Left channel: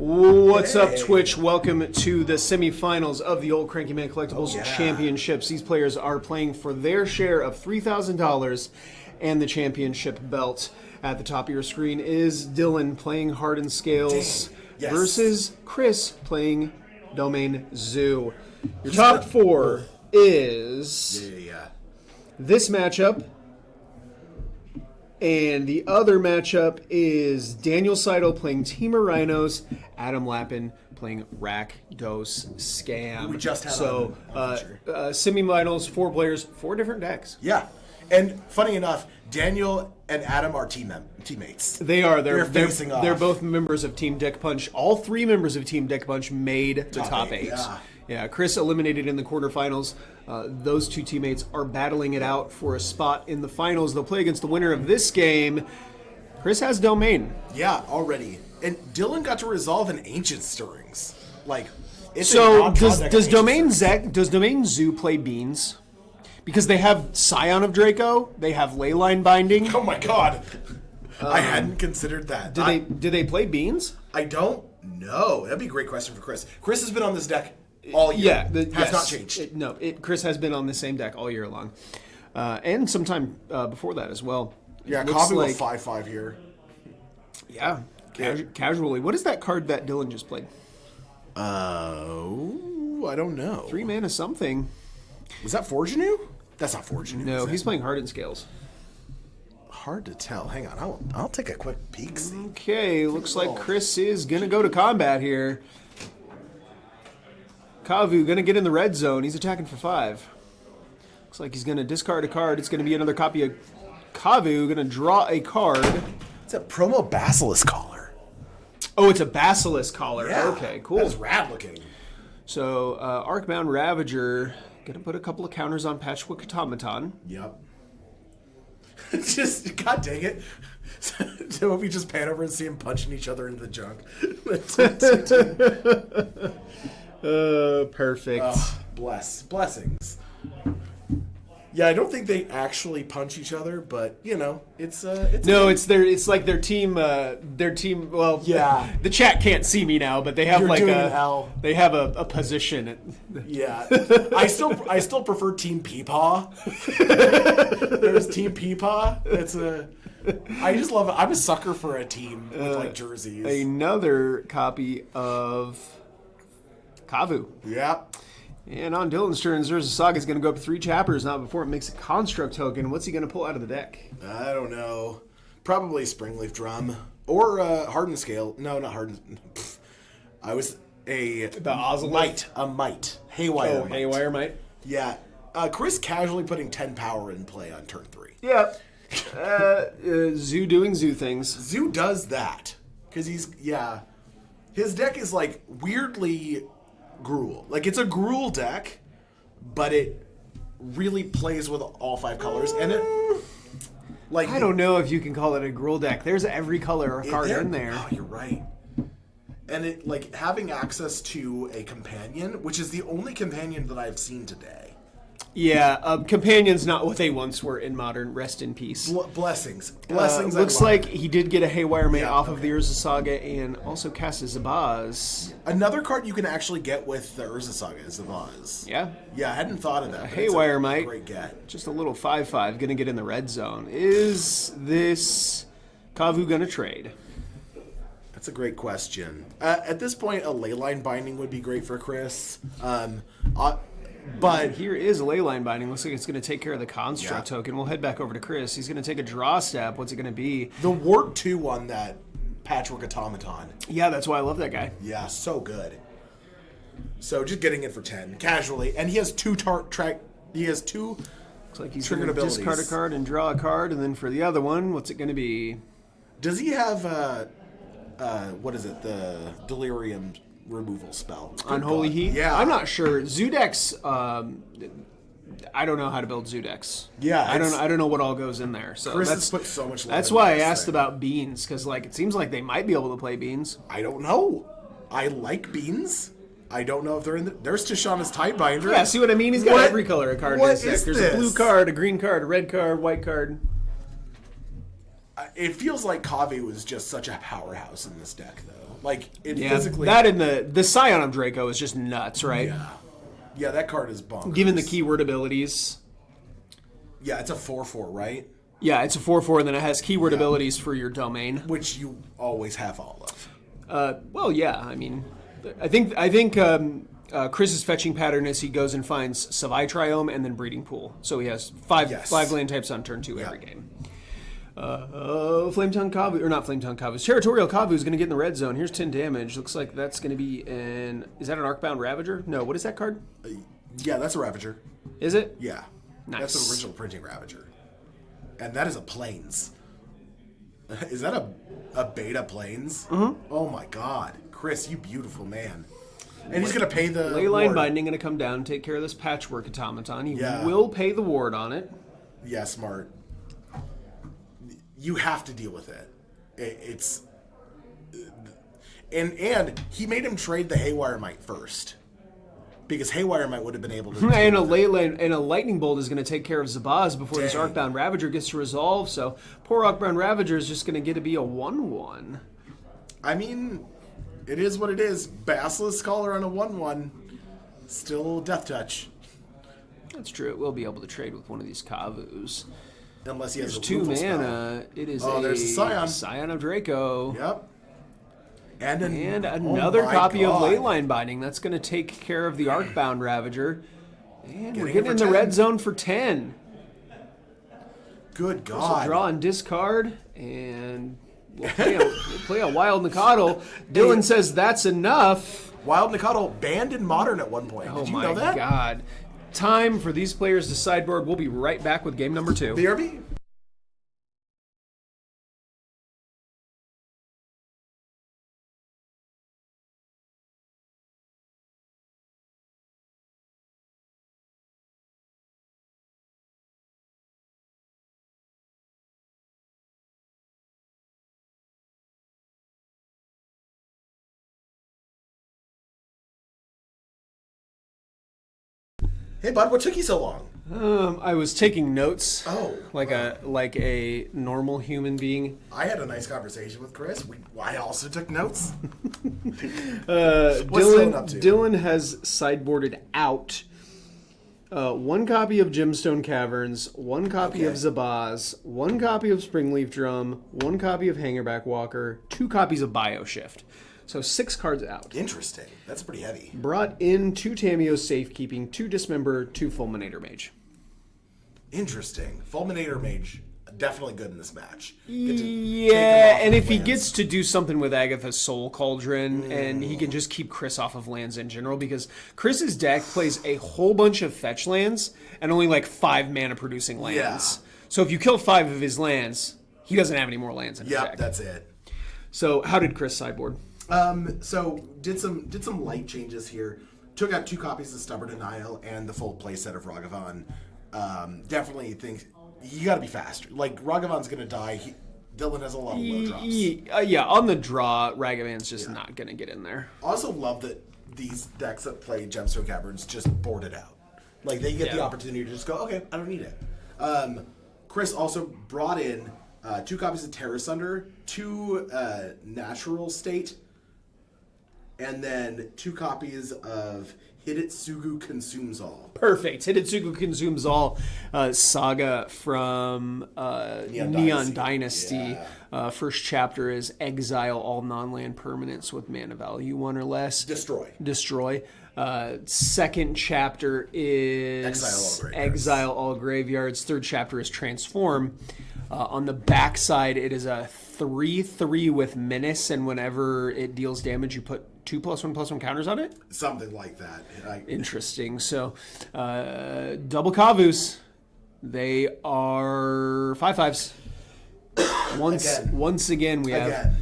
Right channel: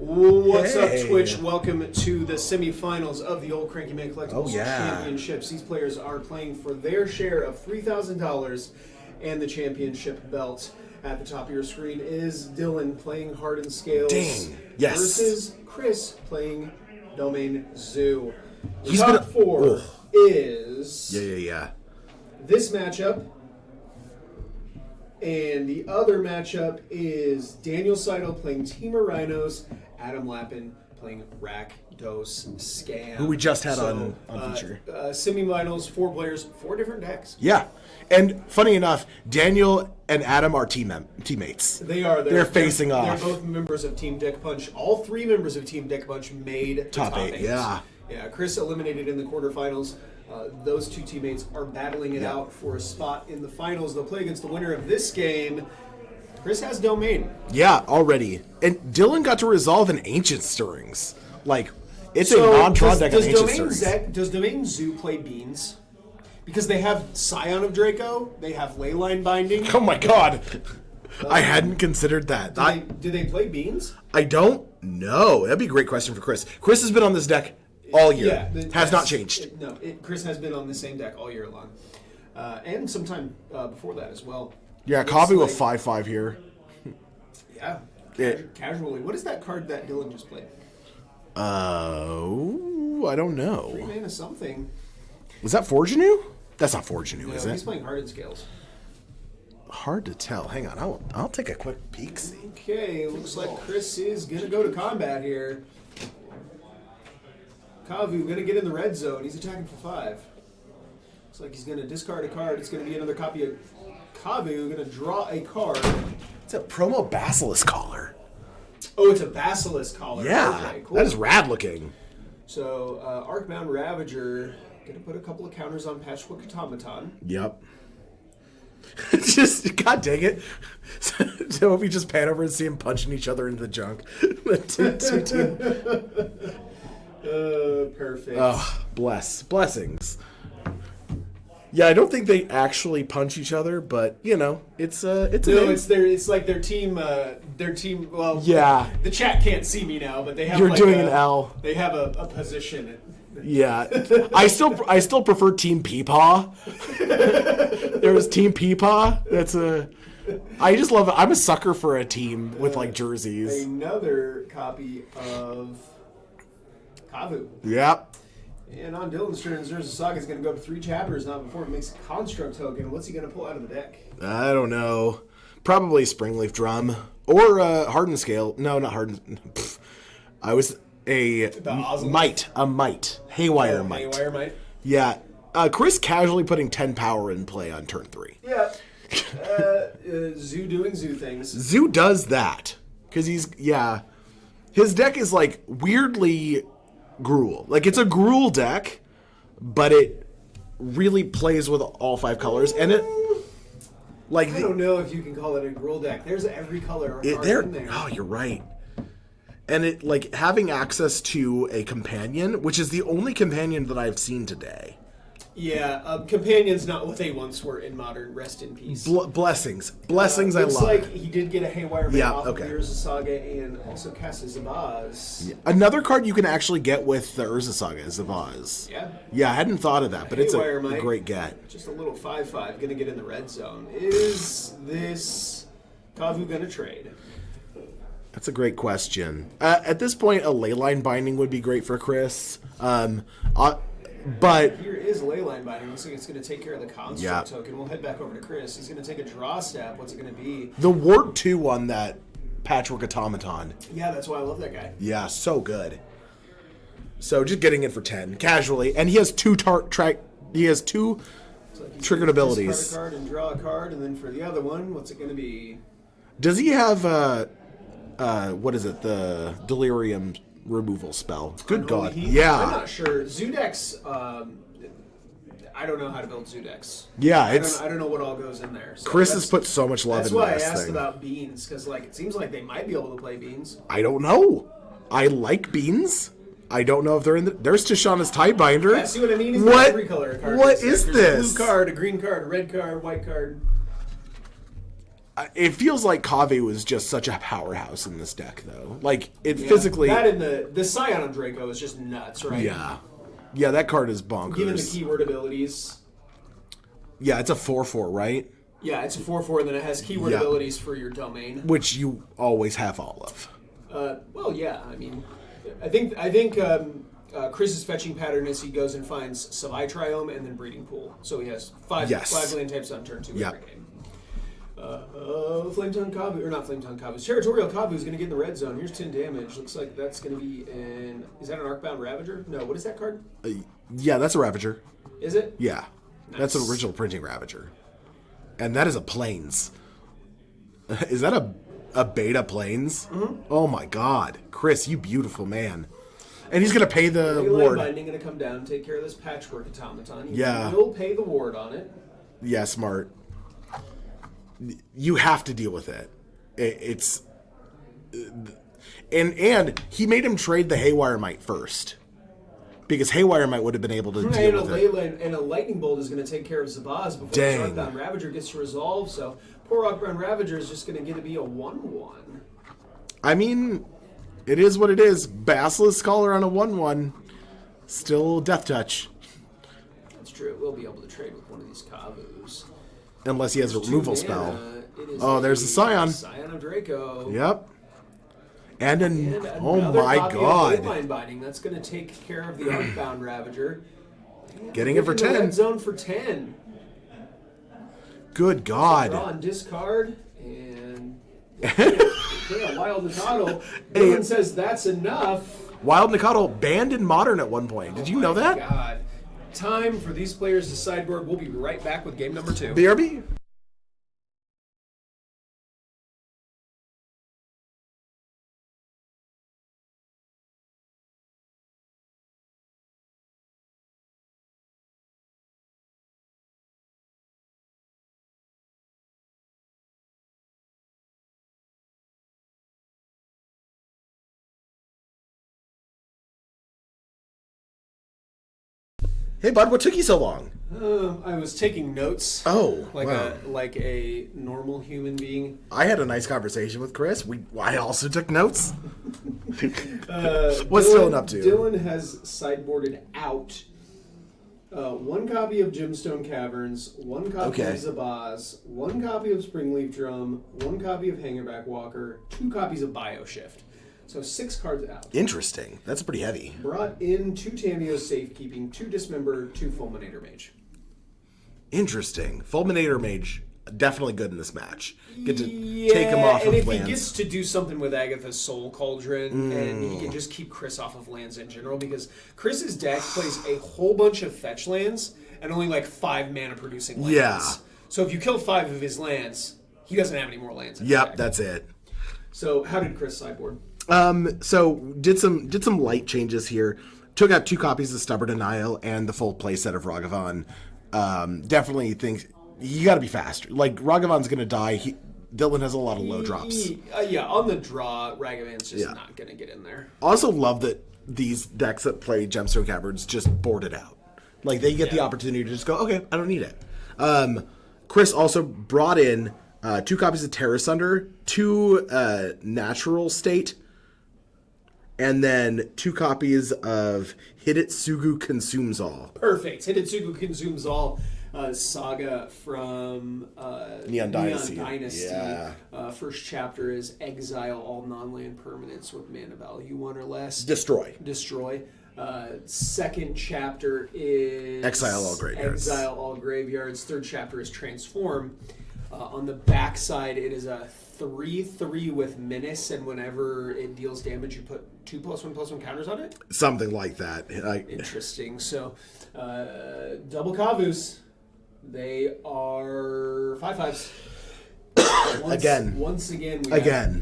What's up, Twitch? Welcome to the semifinals of the Old Cranky Man Collectibles Championships. These players are playing for their share of $3,000 and the championship belt. At the top of your screen is Dillon playing Hardened Scales versus Chris playing Domain Zoo. Your top four is this matchup. And the other matchup is Daniel Seidel playing Team of Rhinos, Adam Lappin playing Rakdos Scam. Who we just had on feature. Semifinals, 4 players, 4 different decks. Yeah. And funny enough, Daniel and Adam are teammates. They are. They're facing off. They're both members of Team Deck Punch. All 3 members of Team Deck Punch made the top 8. Yeah, Chris eliminated in the quarterfinals. Those 2 teammates are battling it out for a spot in the finals. They'll play against the winner of this game. Chris has Domain. Yeah, already. And Dillon got to resolve an Ancient Stirrings. Like, it's so a non-draw deck. Does Domain Zoo play Beans? Because they have Scion of Draco, they have Leyline Binding. Oh my god. I hadn't considered that. Do they play Beans? I don't know. That'd be a great question for Chris. Chris has been on this deck all year. Yeah, has not changed. Chris has been on the same deck all year long. And sometime before that as well. Yeah, Kavu with 5/5 here. Yeah, casually. What is that card that Dillon just played? I don't know. 3 mana something. Was that Forgenew? That's not Forgenew, no, is it? He's playing Hardened Scales. Hard to tell. Hang on, I'll take a quick peek. See. Okay, looks like Chris is going to go to combat here. Kavu going to get in the red zone. He's attacking for 5. Looks like he's going to discard a card. It's going to be another copy of Kavu. Going to draw a card. It's a promo Basilisk Collar. Oh, it's a Basilisk Collar. Yeah, okay, cool. That is rad looking. So, Arcbound Ravager, going to put a couple of counters on Patchwork Automaton. Yep. Just, god dang it. So if we just pan over and see them punching each other into the junk. Perfect. Oh, blessings. Yeah, I don't think they actually punch each other, but you know, it's like their team. Well, yeah. The chat can't see me now, but they have an L. They have a position. Yeah, I still prefer Team Peepaw. There's Team Peepaw. I just love it. I'm a sucker for a team with like jerseys. Another copy of Kavu. Yep. And on Dillon's turn, Urza Saga is going to go up 3 chapters now before it makes a construct token. What's he going to pull out of the deck? I don't know. Probably Springleaf Drum or Hardened Scale. No, not Hardened. I was a Might. Haywire Might. Haywire Might. Yeah. Chris casually putting 10 power in play on turn 3. Yeah. Zoo doing Zoo things. Zoo does that because his deck is like weirdly Gruul. Like, it's a Gruul deck, but it really plays with all 5 colors, and it like I don't know if you can call it a Gruul deck. There's every color card in there. Oh, you're right. And it like having access to a companion, which is the only companion that I've seen today. Yeah, Companion's not what they once were in Modern. Rest in peace. Blessings. Looks like he did get a Haywire Man off of the Urza Saga and also cast a Zabaz. Yeah. Another card you can actually get with the Urza Saga is Zabaz. Yeah? Yeah, I hadn't thought of that, but Haywire it's a great get. Just a little 5/5, going to get in the red zone. Is this Kavu going to trade? That's a great question. At this point, a Leyline Binding would be great for Chris. But here is a Leyline Binding. Looks like it's going to take care of the construct token. We'll head back over to Chris. He's going to take a draw step. What's it going to be? The Wart 2 on that Patchwork Automaton. Yeah, that's why I love that guy. Yeah, so good. So just getting it for 10 casually, and he has 2 Looks like he's triggered abilities. Discard a card and draw a card, and then for the other one, what's it going to be? Does he have what is it? The Delirium removal spell. Good Unholy Heat? Yeah. I'm not sure. Zoodex, I don't know how to build Zoodex. Yeah. I don't know what all goes in there. So Chris has put so much love into this. That's why I asked about Beans, because like it seems like they might be able to play Beans. I don't know. I like Beans. I don't know if they're in the... There's Tishana's Tidebinder. Yeah, see what I mean? He's got every color card. What is There's this? a blue card, a green card, a red card, white card. It feels like Kave was just such a powerhouse in this deck, though. Like, physically... That and the Scion of Draco is just nuts, right? Yeah. Yeah, that card is bonkers. Given the keyword abilities. Yeah, it's a 4/4, right? Yeah, it's a 4/4, and then it has keyword abilities for your domain. Which you always have all of. Well, yeah, I mean... I think Chris's fetching pattern is he goes and finds Savai Triome and then Breeding Pool. So he has five land types on turn 2 every game. Flametongue Kavu, or not Flametongue Kavu, Territorial Kavu is going to get in the red zone. Here's 10 damage. Looks like that's going to be an... Is that an Arcbound Ravager? No, what is that card? Yeah, that's a Ravager. Is it? Yeah. Nice. That's an original printing Ravager. And that is a Plains. Is that a beta Plains? Mm-hmm. Oh my god. Chris, you beautiful man. And he's going to pay the Leyline ward. Binding going to come down and take care of this Patchwork Automaton. He Yeah. will pay the ward on it. Yeah, smart. You have to deal with it. It's... And he made him trade the Haywire Mite first. Because Haywire Mite would have been able to deal and with it. And a Lightning Bolt is going to take care of Zabaz before this Arcbound Ravager gets to resolve. So poor Arcbound Ravager is just going to get to be a 1/1. I mean, it is what it is. Basilisk Scholar on a 1/1. Still Death Touch. That's true. It will be able to trade with one of these Kavus. Unless he has a removal spell. It is there's the Scion. Scion of Draco. Yep. And another copy of Leyline Binding. That's going to take care of the Arcbound Ravager. And getting it for 10. The red zone for 10. Good God. So draw and discard. And play a Wild Nicodle. Dillon says that's enough. Wild Nicodle banned in Modern at one point. Did you know that? Oh my God. Time for these players to sideboard. We'll be right back with game number 2. BRB. Hey, bud, what took you so long? I was taking notes. Oh, like a normal human being. I had a nice conversation with Chris. I also took notes. What's Dillon up to? Dillon has sideboarded out one copy of Gemstone Caverns, one copy of Zabaz, one copy of Springleaf Drum, one copy of Hangerback Walker, 2 copies of Bioshift. So 6 cards out. Interesting. That's pretty heavy. Brought in 2 Tameo Safekeeping, 2 Dismember, 2 Fulminator Mage. Interesting. Fulminator Mage, definitely good in this match. Get to Yeah, take him off and of if lands. he gets to do something with Agatha's Soul Cauldron, and he can just keep Chris off of lands in general, because Chris's deck plays a whole bunch of fetch lands and only like 5 mana producing lands. Yeah. So if you kill 5 of his lands, he doesn't have any more lands in his deck. That's it. So how did Chris sideboard? So did some light changes here. Took out 2 copies of Stubborn Denial and the full playset of Ragavan. Definitely think you got to be faster. Like Ragavan's gonna die. Dillon has a lot of low drops. Yeah, on the draw, Ragavan's just not gonna get in there. Also love that these decks that play Gemstone Caverns just board it out. Like they get the opportunity to just go, okay, I don't need it. Chris also brought in 2 copies of Terror Sunder, 2 Natural State, and then 2 copies of Hidetsugu Consumes All. Perfect. Hidetsugu Consumes All, saga from Neon Dynasty. Yeah. First chapter is exile all non-land permanents with mana value 1 or less. Destroy. Second chapter is Exile all graveyards. Third chapter is Transform. On the back side, it is a 3/3 with Menace, and whenever it deals damage, you put 2+1/+1 counters on it? Something like that. Interesting. So, double Kavus. They are 5/5s. Once again, we have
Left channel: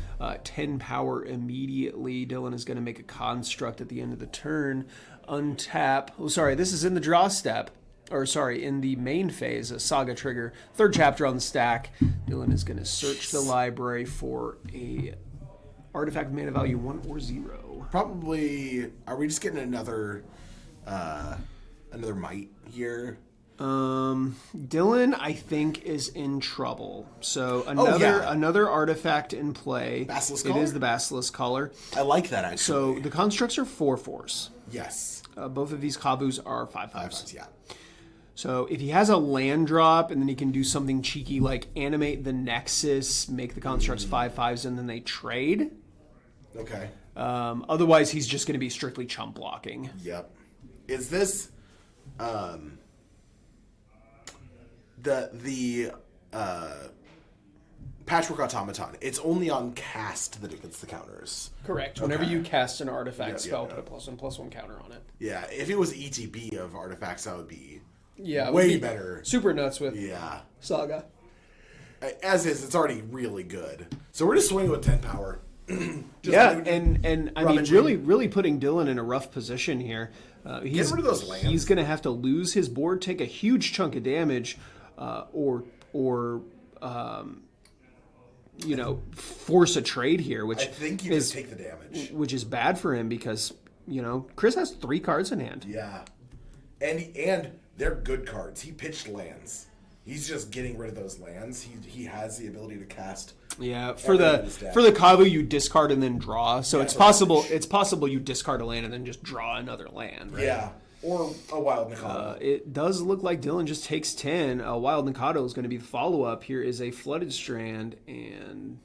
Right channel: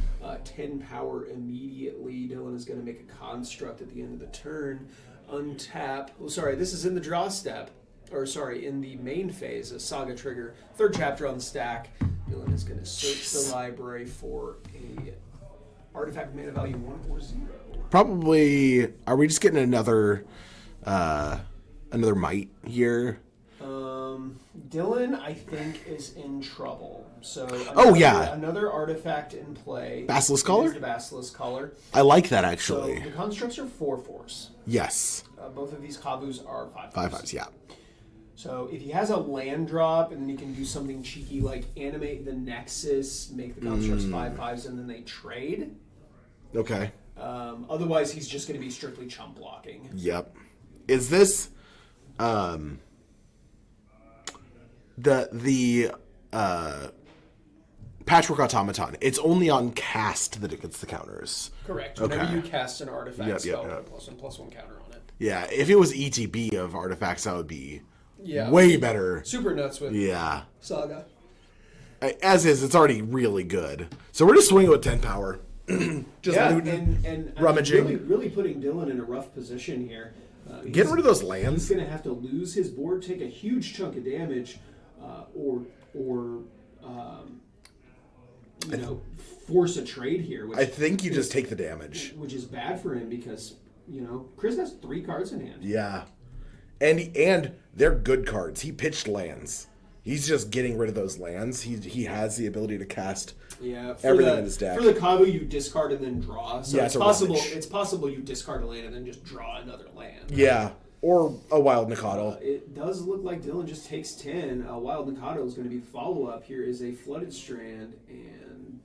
10 power immediately. Dillon is going to make a construct at the end of the turn. Untap. Oh, sorry, this is in the draw step. Or, sorry, in the main phase, a Saga trigger. Third chapter on the stack. Dillon is going to search the library for a artifact mana value 1 or 0. Probably, are we just getting another Might here? Dillon, I think, is in trouble. So another artifact in play. Basilisk It Collar? is the Basilisk Collar. I like that, actually. So the constructs are 4/4s. Yes. Both of these Kabus are 5/5s. 5/5s, yeah. So if he has a land drop, and then he can do something cheeky like animate the Nexus, make the constructs 5/5s, and then they trade. Okay. Otherwise, he's just going to be strictly chump blocking. Yep. Is this the Patchwork Automaton? It's only on cast that it gets the counters. Correct. Whenever you cast an artifact spell, yep. put a +1/+1 counter on it. Yeah, if it was ETB of artifacts, that would be Yeah, way better. Super nuts with Yeah. Saga. As is, it's already really good. So we're just swinging with 10 power. And I mean, really putting Dillon in a rough position here. Get rid of those lands. He's going to have to lose his board, take a huge chunk of damage, or force a trade here. Which I think you just take the damage, which is bad for him because Chris has 3 cards in hand. Yeah, and they're good cards. He pitched lands. He's just getting rid of those lands. He has the ability to cast. Yeah, for the Kavu you discard and then draw. So it's possible you discard a land and then just draw another land. Right? Yeah, or a Wild Nikado. It does look like Dillon just takes 10. Wild Nikado is going to be the follow up. Here is a Flooded Strand, and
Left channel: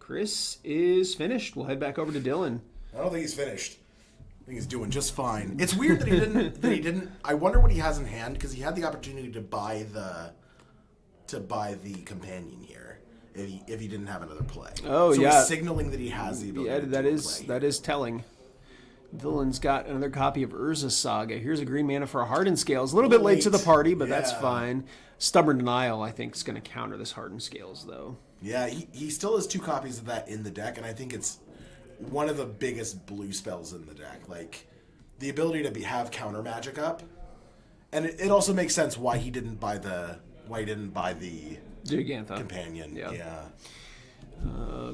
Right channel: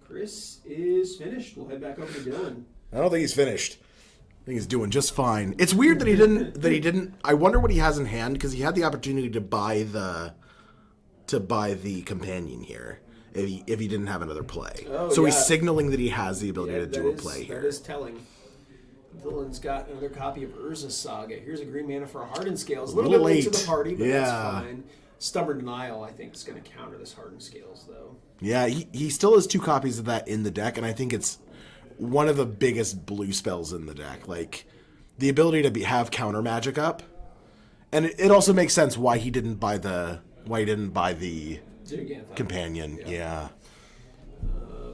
Chris is finished. We'll head back over to Dillon. I don't think he's finished. I think he's doing just fine. It's weird that he didn't. I wonder what he has in hand, because he had the opportunity to buy the companion here if he didn't have another play. Oh, so he's signaling that he has the ability to do a play. That is telling. Dillon's got another copy of Urza Saga. Here's a green mana for a Hardened Scales. A little bit late to the party, but that's fine. Stubborn Denial, I think, is going to counter this Hardened Scales, though. Yeah, he still has 2 copies of that in the deck, and I think it's one of the biggest blue spells in the deck. Like, the ability to have counter magic up. And it also makes sense why he didn't buy the Gigantha companion. Yeah.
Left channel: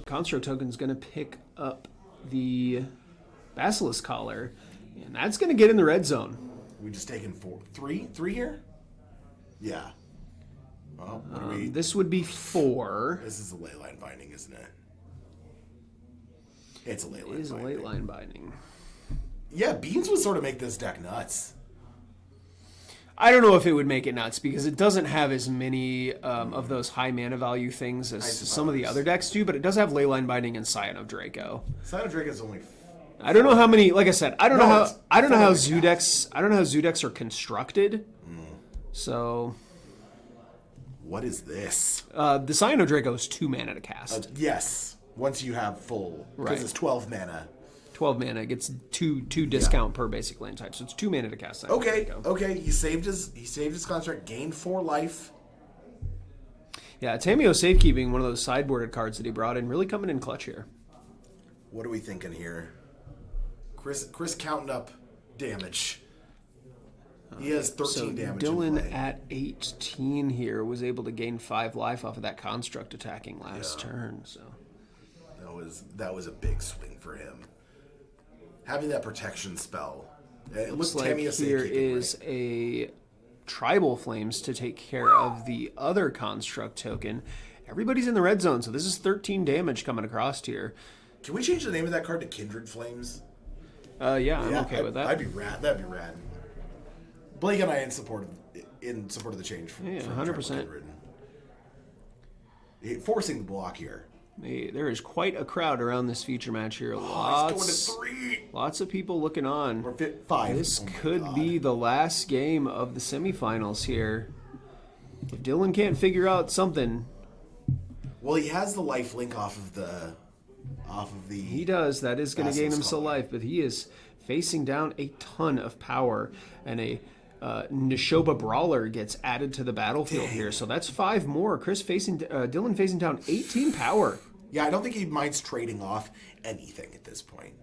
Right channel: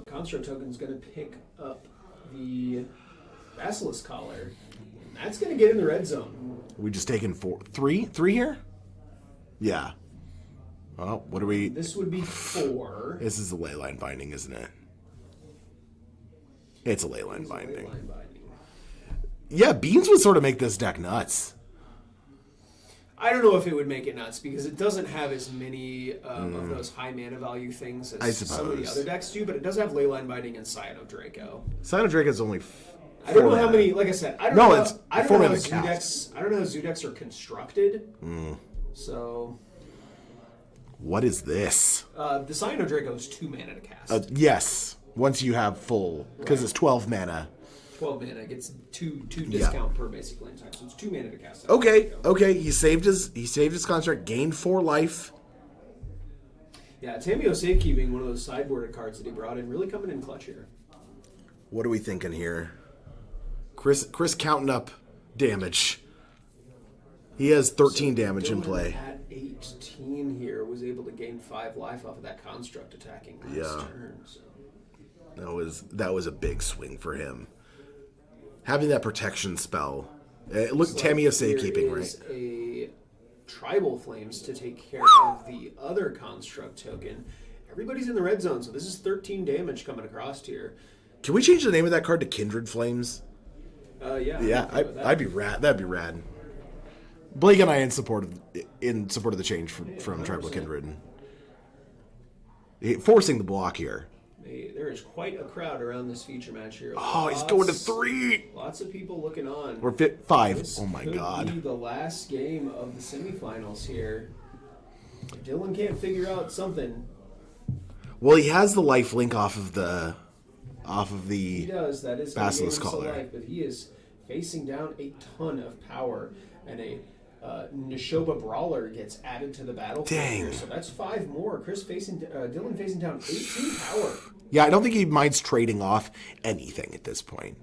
Construct Token's going to pick up the Basilisk Collar, and that's going to get in the red zone. We just taken 3 here? Yeah. Well, what are we... This would be 4. This is the Leyline Binding, isn't it? It's a Leyline Binding. Yeah, Beans would sort of make this deck nuts. I don't know if it would make it nuts, because it doesn't have as many of those high mana value things as some of the other decks do, but it does have Leyline Binding and Scion of Draco. Scion of Draco is only... I don't know how many. Like I said, I don't know how zoo decks are constructed. So, what is this? The Scion of Draco is 2 mana to cast. Yes, once you have full, because it's 12 mana. 12 mana gets two discount per basic land type, so it's 2 mana to cast. Okay. He saved his construct, gained 4 life. Yeah, Tameo Safekeeping, one of those sideboarded cards that he brought in, really coming in clutch here. What are we thinking here? Chris counting up damage. He has 13 damage Dillon in play. At 18 here was able to gain 5 life off of that construct attacking last turn. So that was a big swing for him. Having that protection spell. Look, Tameo Safekeeping, right? There is a Tribal Flames to take care of the other construct token. Everybody's in the red zone, so this is 13 damage coming across here. Can we change the name of that card to Kindred Flames? Yeah, I'm okay with that. I'd be rad. That'd be rad. Blake and I in support of the change from Tribal Kindred. Forcing the block here. There is quite a crowd around this feature match here. He's going to 3. Lots of people looking on. We're 5. This oh my could God. be the last game of the semifinals here. If Dillon can't figure out something. Well, he has the life link off of the. He does. That is going to gain him some life, but he is facing down a ton of power, and a Neshoba Brawler gets added to the battlefield here. So that's 5 more. Dillon facing down 18 power. Yeah, I don't think he minds trading off anything at this point,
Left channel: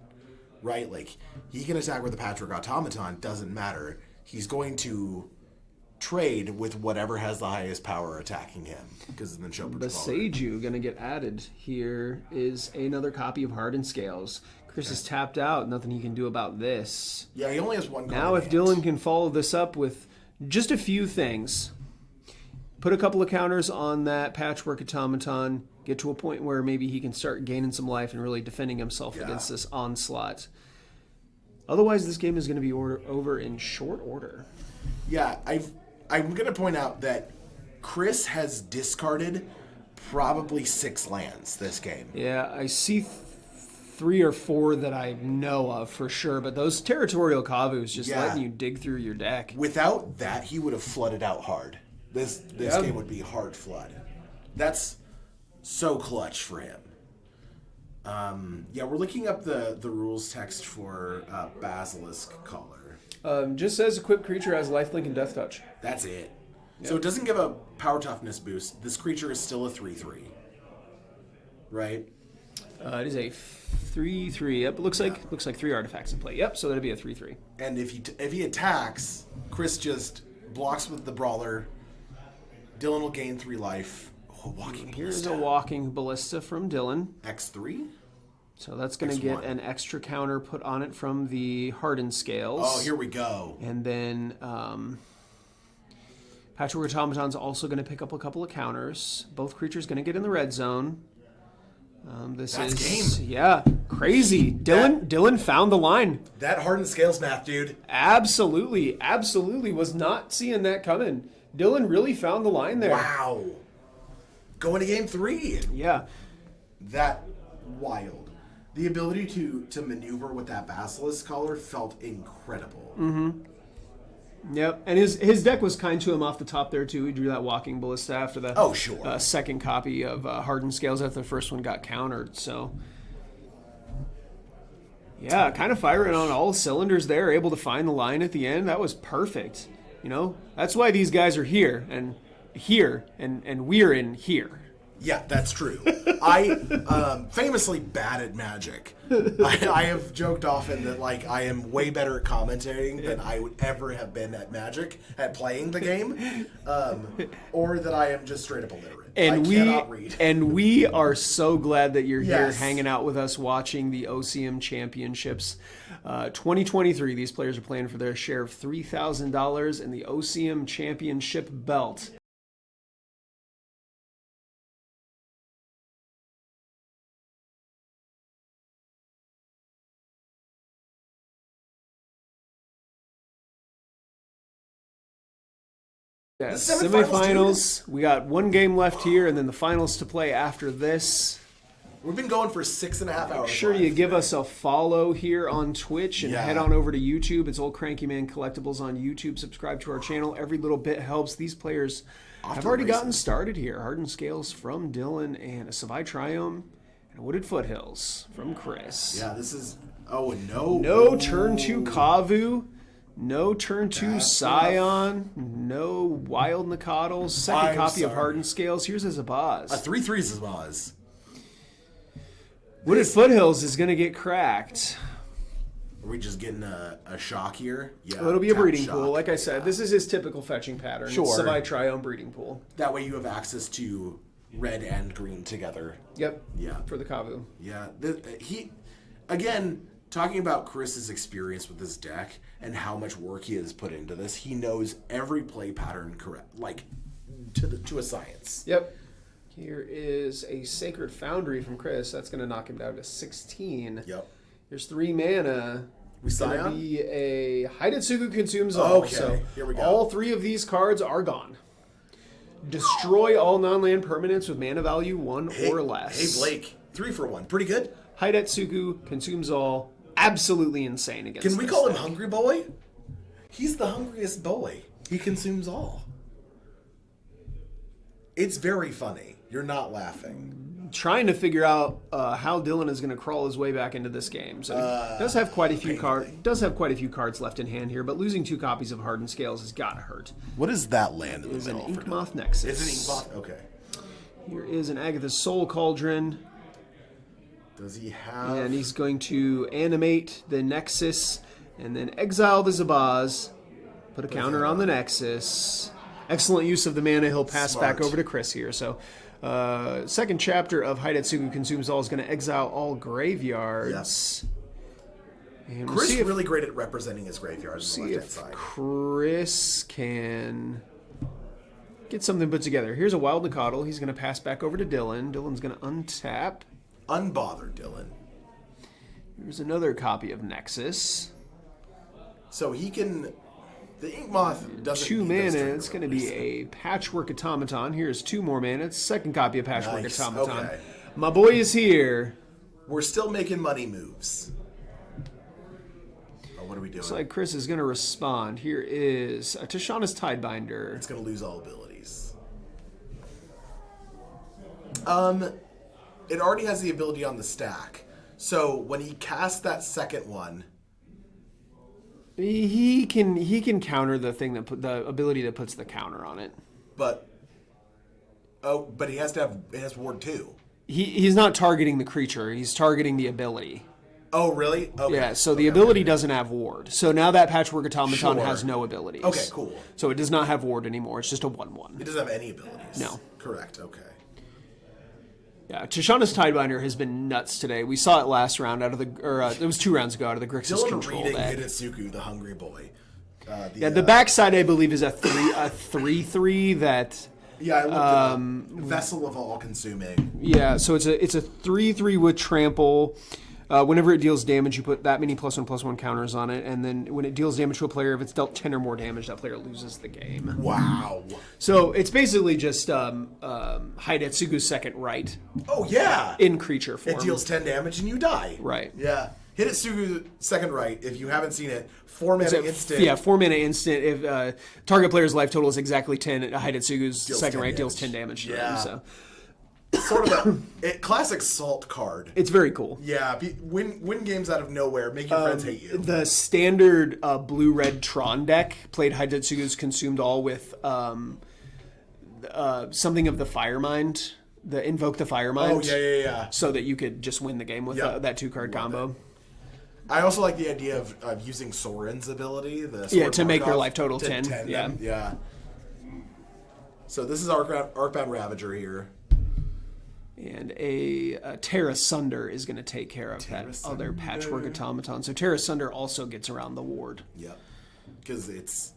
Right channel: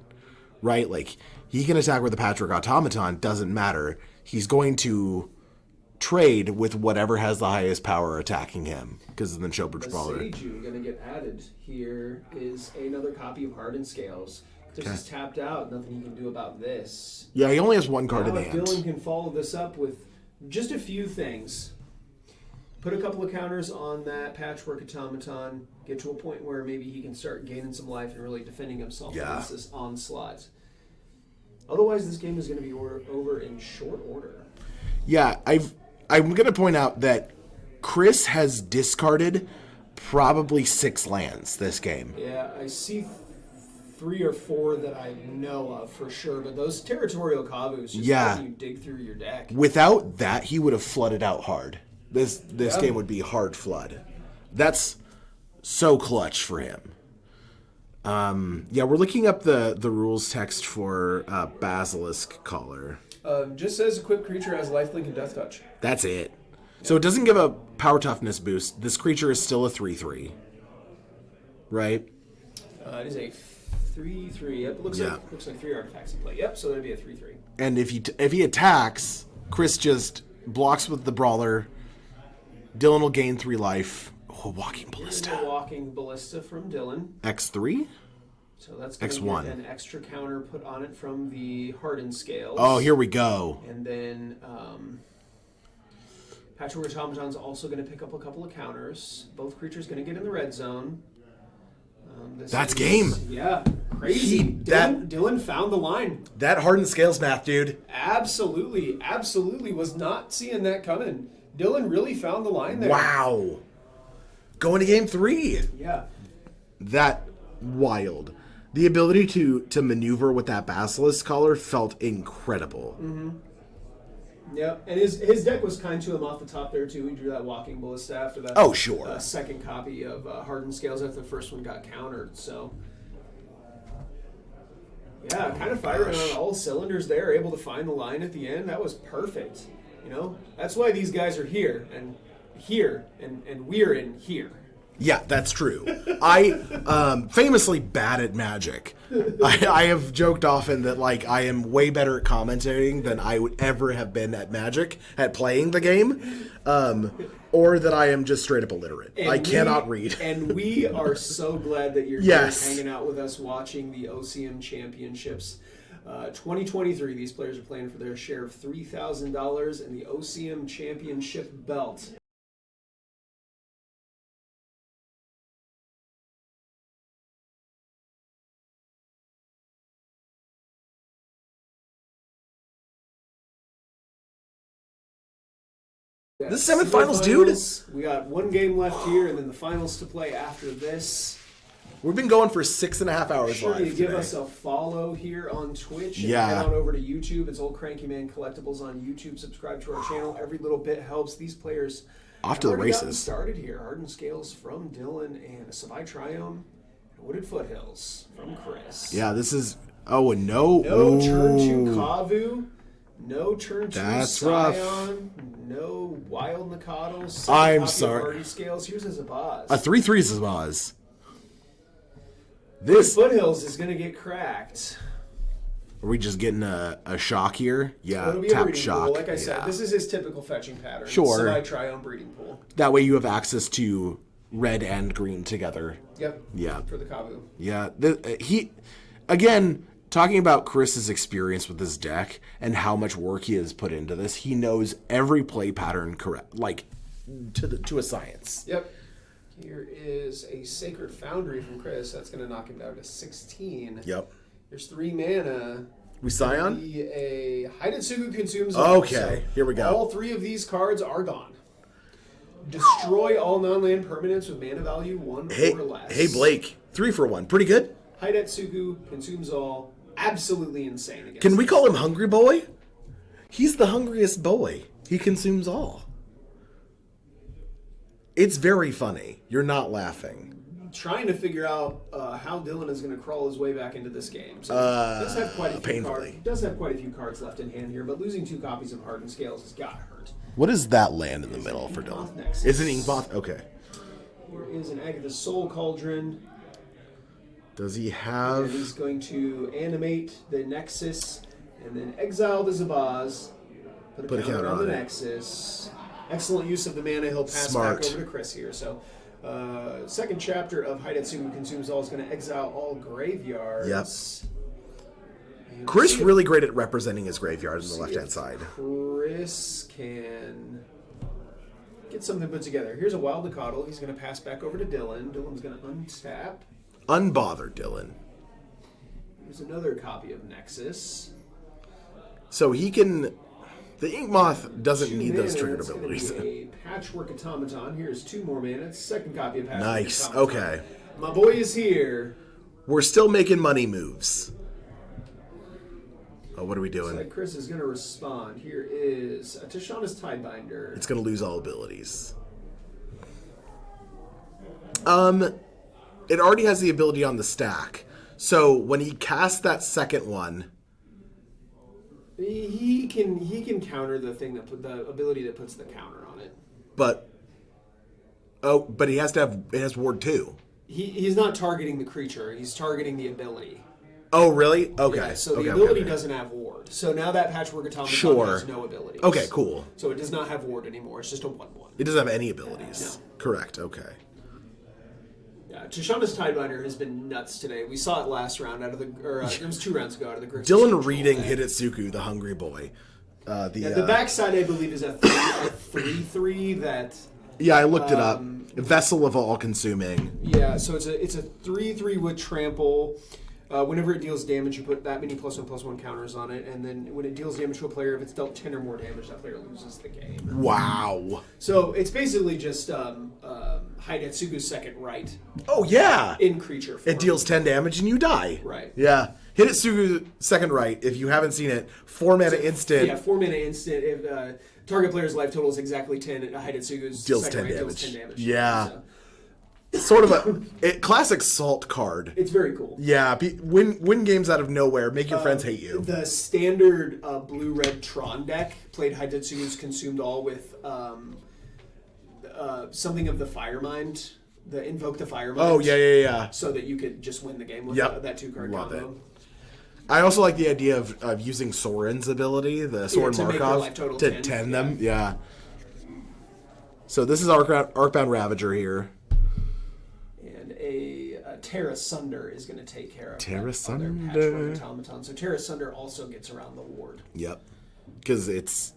right? Like, he can attack with the Patchwork Automaton, doesn't matter. He's going to trade with whatever has the highest power attacking him, because then Neshoba Brawler. The Seiju going to get added. Here is another copy of Hardened Scales. Chris is tapped out. Nothing he can do about this. Yeah, he only has 1 card now, in if hand. Dillon can follow this up with just a few things. Put a couple of counters on that Patchwork Automaton. Get to a point where maybe he can start gaining some life and really defending himself against this onslaught. Otherwise, this game is going to be over in short order. Yeah, I'm going to point out that Chris has discarded probably 6 lands this game. Yeah, I see 3 or 4 that I know of for sure, but those territorial Kavus just helping you dig through your deck. Without that, he would have flooded out hard. This game would be hard flood. That's so clutch for him. We're looking up the rules text for Basilisk Collar. Just says equipped creature has lifelink and death touch. That's it. Yep. So it doesn't give a power toughness boost. This creature is still a 3/3. Right? It is a 3/3. Yep, it looks like 3 artifacts in play. Yep, so that'd be a 3/3. And if he attacks, Chris just blocks with the Brawler. Dillon will gain 3 life. Oh, Walking Ballista. Here's a Walking Ballista from Dillon. X3? So that's going to get an extra counter put on it from the Hardened Scales. Oh, here we go. And then Patchwork Automaton's also going to pick up a couple of counters. Both creatures going to get in the red zone. That's game. Yeah, crazy. Dillon found the line. That Hardened Scales math, dude. Absolutely was not seeing that coming. Dillon really found the line there. Wow. Going to game 3. Yeah. That wild. The ability to maneuver with that Basilisk Collar felt incredible. Mm-hmm. Yep, and his deck was kind to him off the top there too. He drew that Walking Ballista after the second copy of Hardened Scales after the first one got countered. So yeah, kind of firing on all cylinders there, able to find the line at the end. That was perfect. You know, that's why these guys are here and we're in here. Yeah, that's true. I famously bad at Magic. I have joked often that like I am way better at commentating than I would ever have been at Magic, at playing the game, or that I am just straight up illiterate. And I cannot read. And we are so glad that you're here hanging out with us watching the OCM Championships. 2023, these players are playing for their share of $3,000 in the OCM Championship belt. The semifinals, dude. We got one game left here, and then the finals to play after this. We've been going for 6.5 hours. Make sure you give us a follow here on Twitch and head on over to YouTube. It's Old Cranky Man Collectibles on YouTube. Subscribe to our channel. Every little bit helps. These players have already gotten started here. Hardened Scales from Dillon and a Savai Triome and Wooded Foothills from Chris. Yeah, this is... Oh, and no turn 2 Kavu. No turn 2 Scion. No Wild Nicodles. Second copy of Hardened Scales. Here's a Zabaz. A 3/3 Zabaz. This Foothills is going to get cracked. Are we just getting a shock here? Yeah. Well, it'll be a breeding pool. Like I said, this is his typical fetching pattern. Sure. Savai Triome breeding pool. That way you have access to red and green together. Yep. Yeah. For the Kavu. Yeah. Again, talking about Chris's experience with this deck and how much work he has put into this, he knows every play pattern correct, like to a science. Yep. Here is a Sacred Foundry from Chris. That's going to knock him down to 16. Yep. There's 3 mana. We Scion? Be a Hidetsugu consumes all. Okay, so here we go. All 3 of these cards are gone. Destroy all non-land permanents with mana value 1 or less. Hey, Blake. 3 for 1. Pretty good. Hidetsugu consumes all. Absolutely insane against Can we call him Hungry Boy? He's the hungriest boy. He consumes all. It's very funny. You're not laughing. Trying to figure out how Dillon is going to crawl his way back into this game. So he does have quite a few cards. Does have quite a few cards left in hand here, but losing 2 copies of Hardened Scales has got to hurt. What is that land in the middle for Dillon? Nexus. Is it Inkmoth? Okay. Here is an Agatha's Soul Cauldron. Does he have? And he's going to animate the Nexus and then exile the Zabaz. Put a counter on the Nexus. Excellent use of the mana. He'll pass back over to Chris here. So, second chapter of Hidetsugu Consumes All is going to exile all graveyards. Yes. And Chris really great at representing his graveyard on the left-hand side. Chris can get something put together. Here's a Wild Nicodle. He's going to pass back over to Dillon. Dillon's going to untap. Unbothered Dillon. Here's another copy of Nexus. So he can... The Ink Moth doesn't need those trigger It's going to abilities. be a Patchwork Automaton. Here's 2 more mana. It's second copy of Patchwork Nice. Automaton. Okay. My boy is here. We're still making money moves. Oh, what are we doing? Looks like Chris is going to respond. Here is a Tishana's Tidebinder. It's going to lose all abilities. It already has the ability on the stack. So when he casts that second one... He can counter the thing the ability that puts the counter on it. But he has to have... It has Ward 2. He's not targeting the creature. He's targeting the ability. Oh, really? Okay. Yeah, so the ability doesn't have Ward. So now that Patchwork Automaton has no abilities. Okay, cool. So it does not have Ward anymore. It's just a 1/1. It doesn't have any abilities. No. Correct, okay. Yeah, Tishana's Tidebinder has been nuts today. We saw it last round it was 2 rounds ago out of the Grixis Dillon control reading deck. Hitotsuku, the hungry boy. The backside, I believe, is a 3/3 that... Yeah, I looked it up. Vessel of All-Consuming. Yeah, so it's a 3/3 with trample. Whenever it deals damage, you put that many +1/+1 counters on it, and then when it deals damage to a player, if it's dealt 10 or more damage, that player loses the game. Wow. So it's basically just Hidetsugu's second right. Oh, yeah. In creature form. It deals 10 damage and you die. Right. Yeah. Hitotsuku second right, if you haven't seen it, 4 mana instant. Yeah, 4 mana instant. If target player's life total is exactly 10, Hidetsugu's second right deals 10 damage. Yeah. So. Sort of a classic salt card. It's very cool. Yeah, win games out of nowhere, make your friends hate you. The standard blue-red Tron deck played Hidetsugu's Consumed All with something of the Firemind, the Invoke the Firemind. Oh, yeah. So that you could just win the game with that 2-card combo. It. I also like the idea of using Soren's ability, the Soren to make your Markov, life total to 10. 10 them. Yeah. So this is Arcbound Ravager here. And a Terra Sunder is going to take care of Terra that other Sunder. Patchwork Automaton. So Terra Sunder also gets around the ward. Yep. Because it's...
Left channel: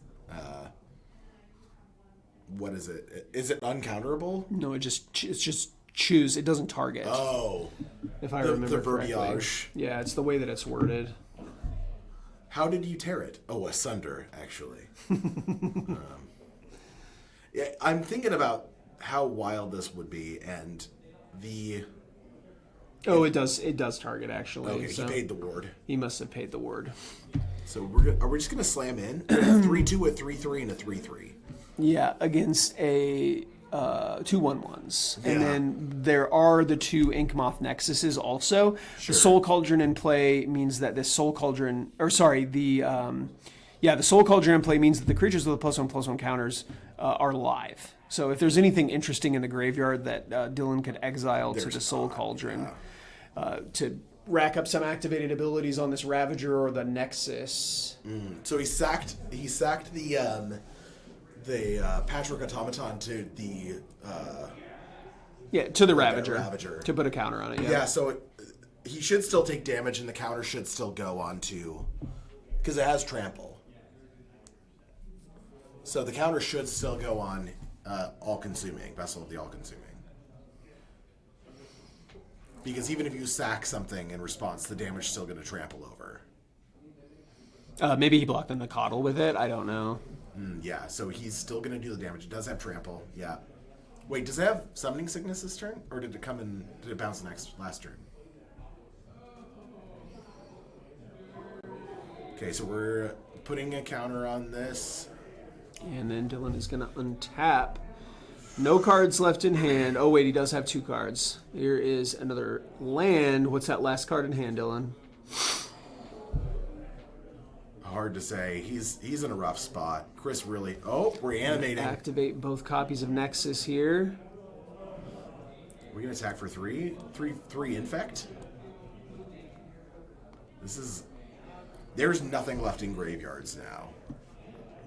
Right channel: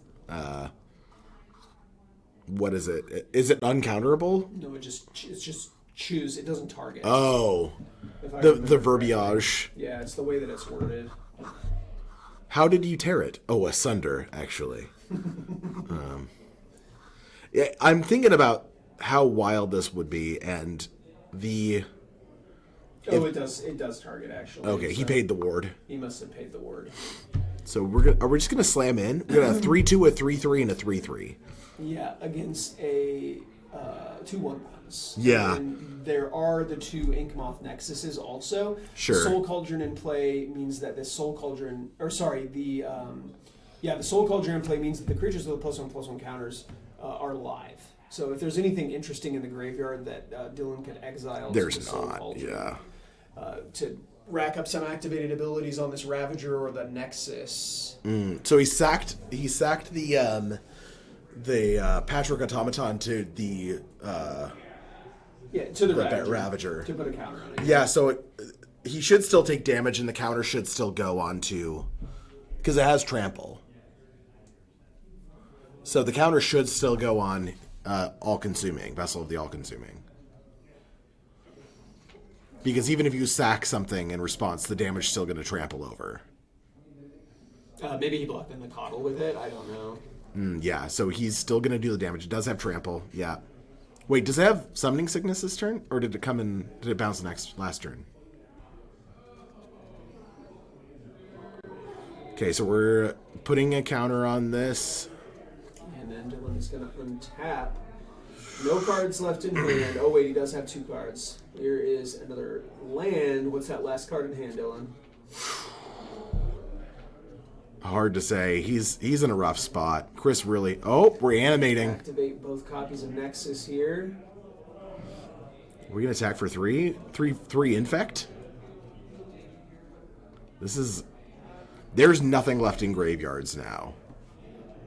what is it? Is it uncounterable? No, it's just choose. It doesn't target. Oh. If I The remember verbiage. correctly. Yeah, it's the way that it's worded. How did you tear it? Oh, asunder, actually. Yeah, I'm thinking about how wild this would be, and the... Oh, it does target, actually. Okay, so he paid the ward. He must have paid the ward. So are we just going to slam in? We're going to have 3/2, a 3/3, and a 3/3. Yeah, against a 2/1/1s. Yeah. And then there are the 2 Ink Moth Nexuses also. Sure. The Soul Cauldron in play means that the Soul Cauldron... Or sorry, the Soul Cauldron in play means that the creatures with the +1/+1 counters are live. So if there's anything interesting in the graveyard that Dillon could exile to the Soul Cauldron to rack up some activated abilities on this Ravager or the Nexus. So he sacked the Patchwork Automaton to the to the Ravager. Ravager. To put a counter on it. Yeah, so he should still take damage, and the counter should still go on to... Because it has trample. So the counter should still go on All-Consuming, Vessel of the All-Consuming. Because even if you sack something in response, the damage is still going to trample over. Maybe he blocked the Nicodle with it. I don't know. Yeah, so he's still going to do the damage. It does have trample, yeah. Wait, does it have Summoning Sickness this turn? Or did it bounce last turn? Okay, so we're putting a counter on this. And then Dillon is going to untap. No cards left in hand. Oh, wait, he does have 2 cards. Here is another land. What's that last card in hand, Dillon? Hard to say. He's in a rough spot. Chris really... Oh, we're animating. Activate both copies of Nexus here. We're going to attack for 3? 3 Infect? This is... There's nothing left in graveyards now.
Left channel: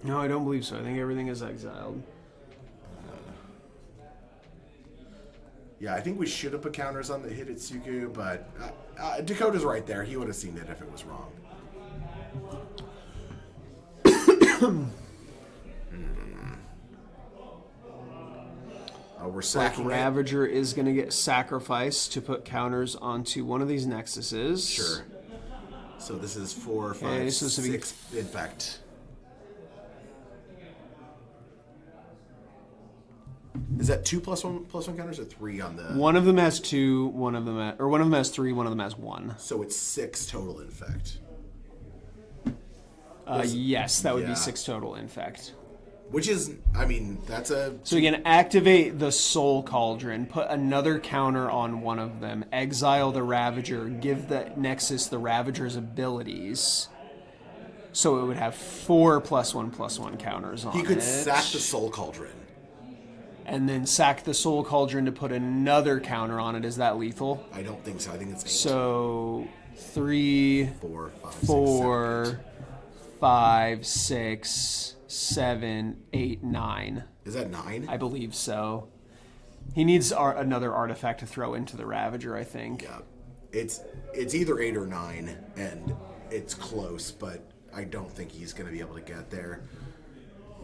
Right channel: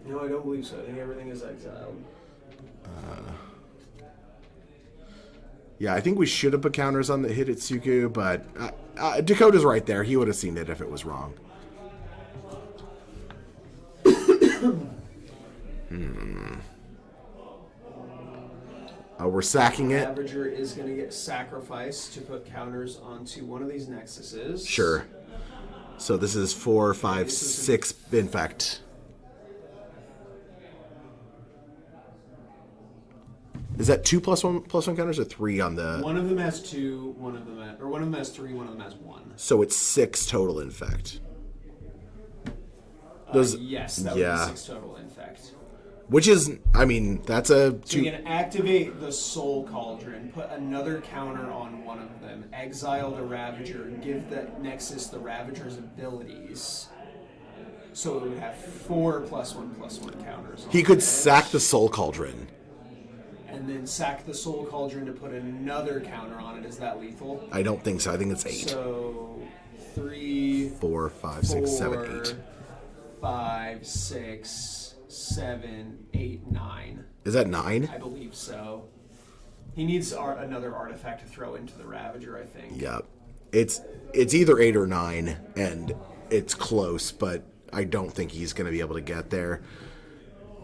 No, I don't believe so. I think everything is exiled. Yeah, I think we should have put counters on the Hitotsuku, but Dakota's right there. He would have seen it if it was wrong. We're sacking it. Ravager is going to get sacrificed to put counters onto one of these nexuses. Sure. So this is 4, 5, 6 infect. Is that 2 +1 counters or 3 on the? One of them has 2. One of them has 3. One of them has 1. So it's 6 total infect. Yes, that would be 6 total infect. Which is, I mean, that's a... So you can activate the Soul Cauldron, put another counter on one of them, exile the Ravager, give the Nexus the Ravager's abilities. So it would have 4 +1/+1 counters on it. He could sack the Soul Cauldron. And then sack the Soul Cauldron to put another counter on it. Is that lethal? I don't think so. I think it's 8. So 3, 4, 5, 6, 4, 7, 8. 5, 6, 7, 8, 9. Is that 9? I believe so. He needs another artifact to throw into the Ravager, I think. Yeah. It's either 8 or 9, and it's close, but I don't think he's going to be able to get there.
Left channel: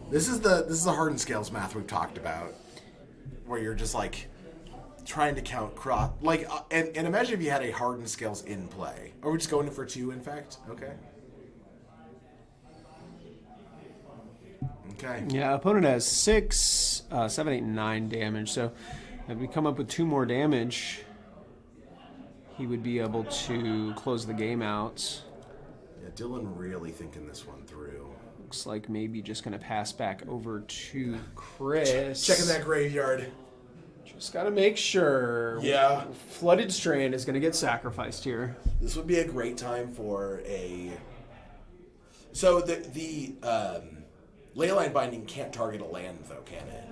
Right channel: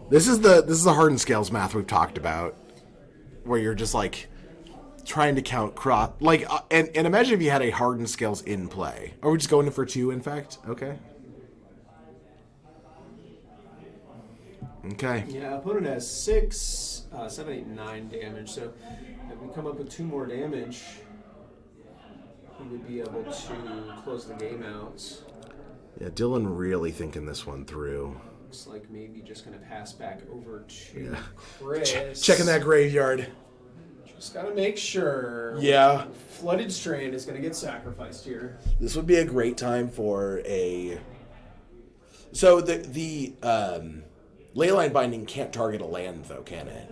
This is the hardened scales math we've talked about, where you're just like trying to count crop. Like, and imagine if you had a hardened scales in play. Are we just going in for 2, in fact? Okay. Okay. Yeah, opponent has 6, 7, 8, 9 damage. So if we come up with 2 more damage, he would be able to close the game out. Yeah, Dillon really thinking this one through. Looks like maybe just going to pass back over to Chris. Checking that graveyard. Just got to make sure. Yeah. Flooded Strand is going to get sacrificed here. This would be a great time for a... So the Leyline Binding can't target a land, though, can it?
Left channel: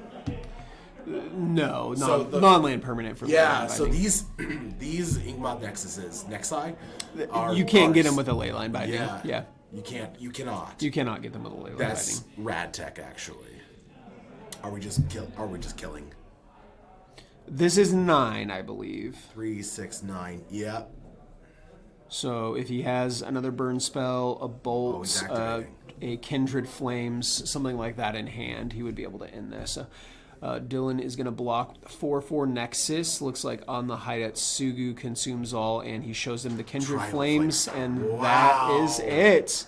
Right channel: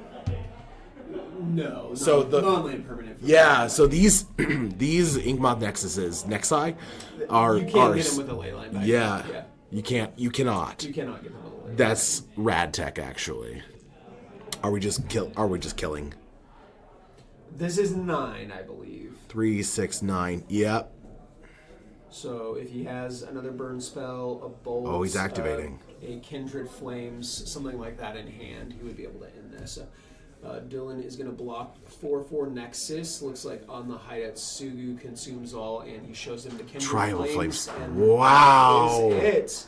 No, so non-land permanent. For so these Inkmoth Nexuses, Nexi, are... You can't get them with a Leyline Binding. Yeah. You cannot. You cannot get them with a Leyline That's Binding. rad tech, actually. Are we just killing? This is 9, I believe. 3, 6, 9. Yep. So if he has another burn spell, a bolt, he's activating. A Kindred Flames, something like that in hand, he would be able to end this. Dillon is going to block 4/4 Nexus. Looks like on the hideout, Sugu consumes all, and he shows them the Kindred Flames, and wow. that is it.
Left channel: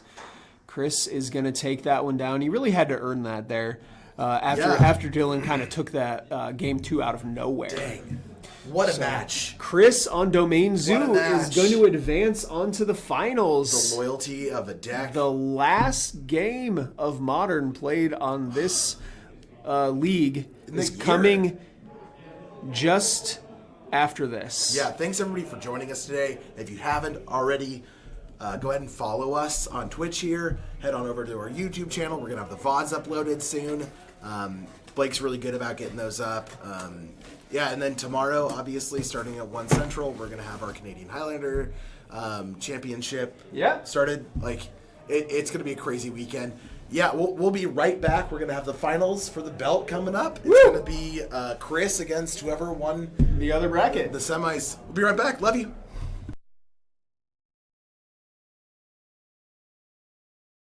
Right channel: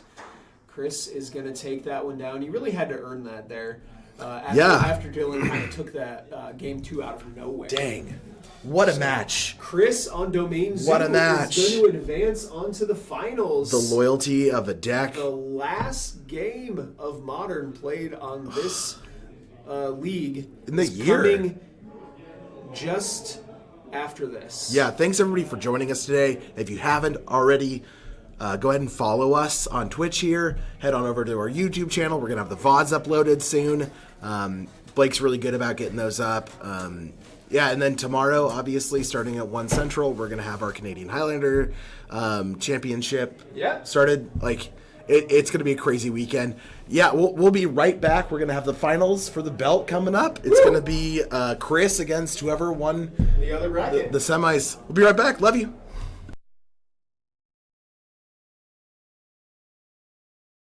Chris is going to take that one down. He really had to earn that there. After Dillon kind of took that game 2 out of nowhere. Dang. What a match. Chris on Domain Zoo is going to advance onto the finals. The loyalty of a deck. The last game of Modern played on this league is coming just after this. Yeah, thanks everybody for joining us today. If you haven't already, go ahead and follow us on Twitch here. Head on over to our YouTube channel. We're going to have the VODs uploaded soon. Blake's really good about getting those up. Yeah, and then tomorrow, obviously, starting at 1 Central, we're going to have our Canadian Highlander Championship started. Like, it's going to be a crazy weekend. Yeah, we'll be right back. We're going to have the finals for the belt coming up. It's going to be Chris against whoever won the other bracket. The semis. We'll be right back. Love you.